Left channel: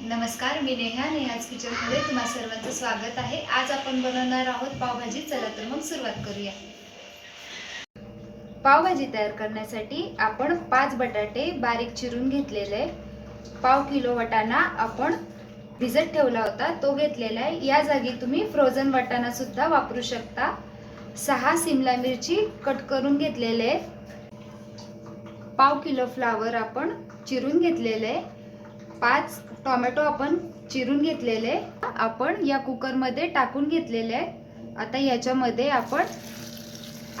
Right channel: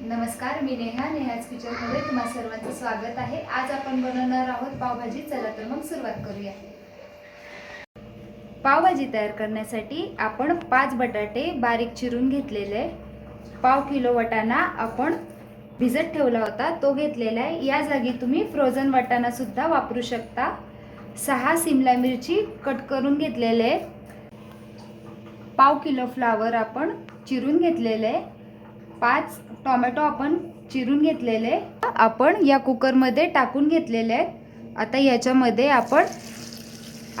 नमस्कार मी नेहा. नेहाज किचनमध्ये तुम्हा सर्वांचं स्वागत आहे. आज आपण बनवणार आहोत पावभाजी. चला तर मग सुरुवात करूया. पावभाजी तयार करण्यासाठी आपण पाच बटाटे बारीक चिरून घेतलेले. पाव किलो वटाणा आपण भिजत ठेवला होता. तो घेतलेला आहे. या जागी तुम्ही फ्रोझन वटाणा सुद्धा वापरू शकता. सहा सिमला मिरची कट करून घेतलेले. आहे पाव किलो फ्लावर आपण चिरून घेतलेले. आहे पाच टोमॅटो आपण चिरून घेतलेले आपण या कुकरमध्ये टाकून घेतलेले आहे आता याच्यामध्ये आपण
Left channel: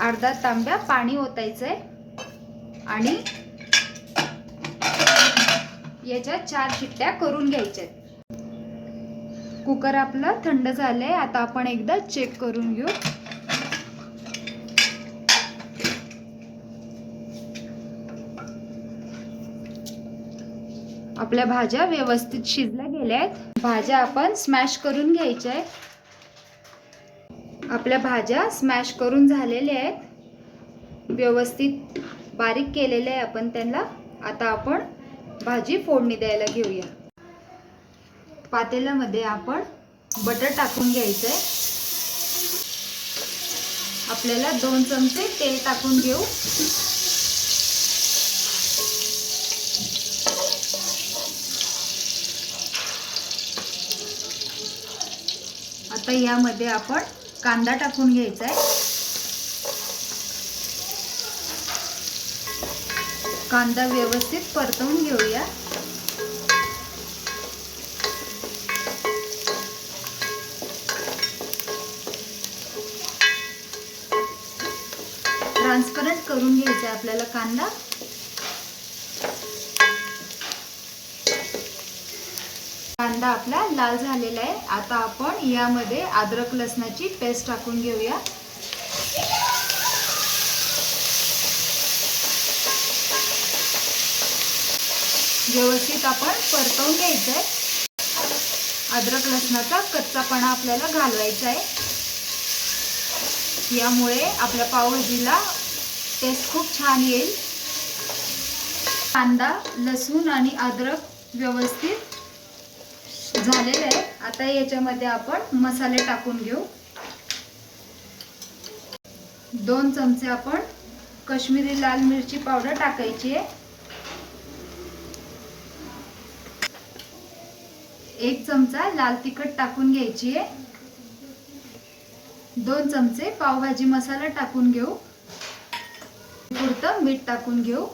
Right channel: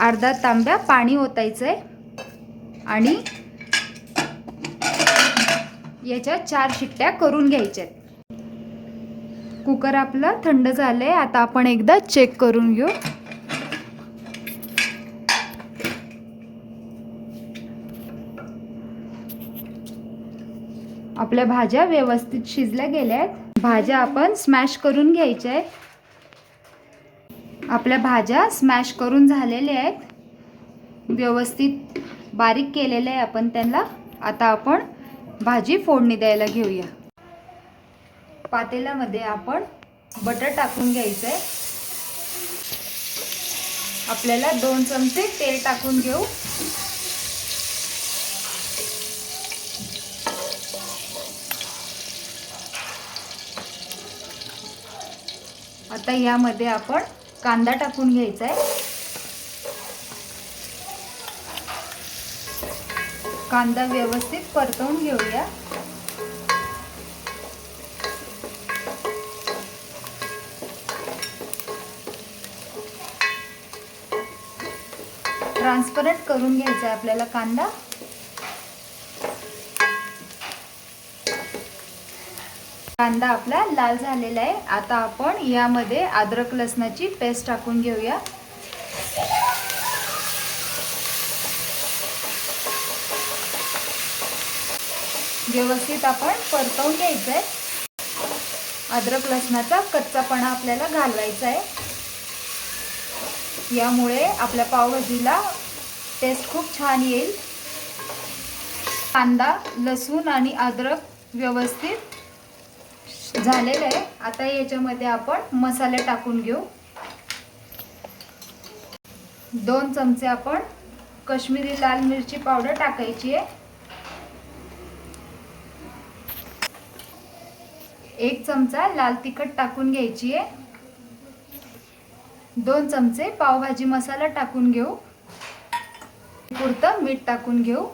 अर्धा तांब्या पाणी ओतायचं आहे आणि याच्या चार शिट्ट्या करून घ्यायच्या कुकर आपला थंड झालंय. आता आपण एकदा चेक करून घेऊ. आपल्या भाज्या व्यवस्थित शिजल्या गेल्या आहेत. भाज्या आपण स्मॅश करून घ्यायच्या आहेत. आपल्या भाज्या स्मॅश करून झालेल्या आहेत. व्यवस्थित बारीक केलेल्या आहे आपण त्यांना. आता आपण भाजी फोडणी द्यायला घेऊया. पातेल्यामध्ये आपण बटर टाकून घ्यायचं आहे आपल्याला दोन चमचे तेल टाकून घेऊ. आता यामध्ये आपण कांदा टाकून घ्यायचा आहे कांदा व्यवस्थित परतवून घेऊया. ट्रान्सपरंट करून घ्यायचा आहे आपल्याला कांदा. कांदा आपला लाल झालेला आहे. आता आपण यामध्ये अद्रक लसणाची पेस्ट टाकून घेऊया. व्यवस्थित आपण परतवून घ्यायचं आहे अद्रक लसणाचा कच्चापणा आपल्याला घालवायचा आहे. यामुळे आपल्या पावभाजीला टेस्ट खूप छान येईल. कांदा लसूण आणि अद्रक व्यवस्थित झालेलं आहे. आता याच्यामध्ये आपण मसाले टाकून घेऊ. दोन चमचे आपण कश्मीरी लाल मिरची पावडर टाकायची आहे. एक चमचा लाल तिखट टाकून घ्यायची आहे. दोन चमचे पावभाजी मसाला टाकून घेऊ. पुरतं मीठ टाकून घेऊ.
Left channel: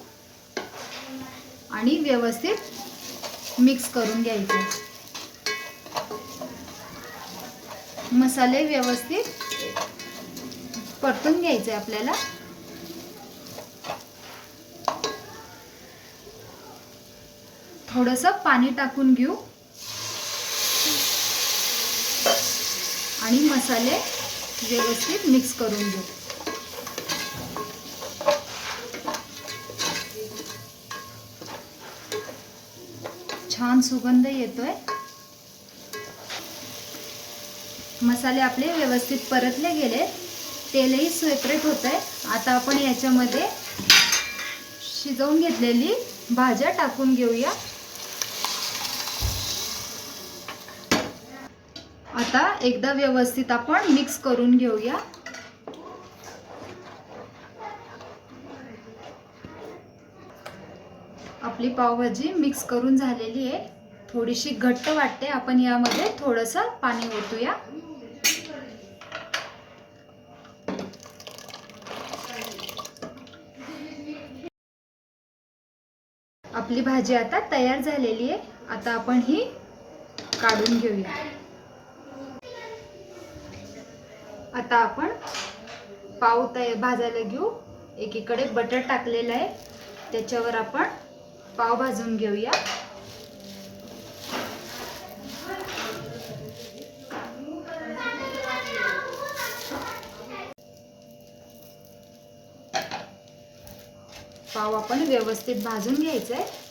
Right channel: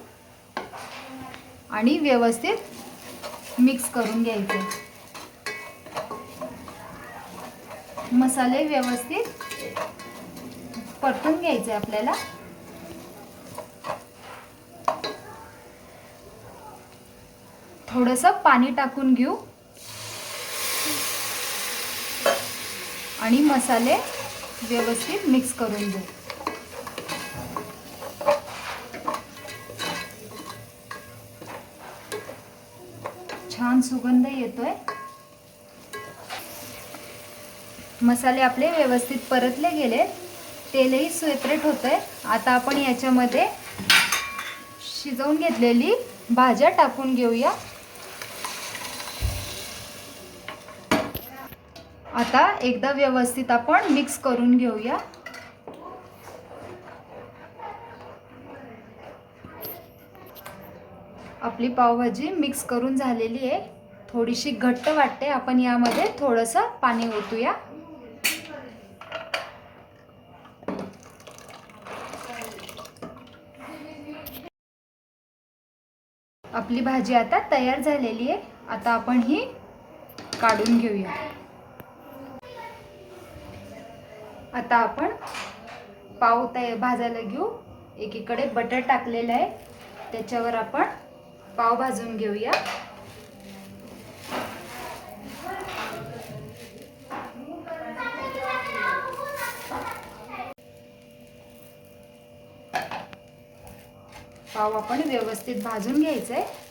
आणि व्यवस्थित मिक्स करून घ्यायचं मसाले व्यवस्थित परतून घ्यायचे आपल्याला. थोडंसं पाणी टाकून घेऊ. आणि मसाले व्यवस्थित मिक्स करून घेऊ. छान सुगंध येतोय. मसाले आपले व्यवस्थित परतले गेले. तेलही सेपरेट होत आहे आता आपण याच्यामध्ये शिजवून घेतलेली भाज्या टाकून घेऊया. आता एकदा व्यवस्थित आपण मिक्स करून घेऊया. आपली पावभाजी मिक्स करून झालेली आहे. थोडीशी घट्ट वाटते. आपण यामध्ये थोडंसं पाणी ओतूया. आपली भाजी आता तयार झालेली आहे. आता आपण ही काढून घेऊया. आता आपण पाव तय भाजायला घेऊ. एकीकडे बटर टाकलेलं आहे. त्याच्यावर आपण पाव भाजून घेऊया. पाव आपण व्यवस्थित भाजून घ्यायचं आहे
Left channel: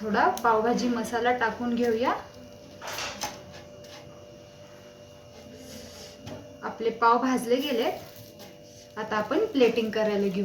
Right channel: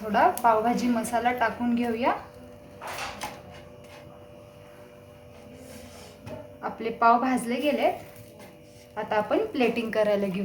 थोडा पावभाजी मसाला टाकून घेऊया. आपले पाव भाजले गेले. आता आपण प्लेटिंग करायला घेऊ.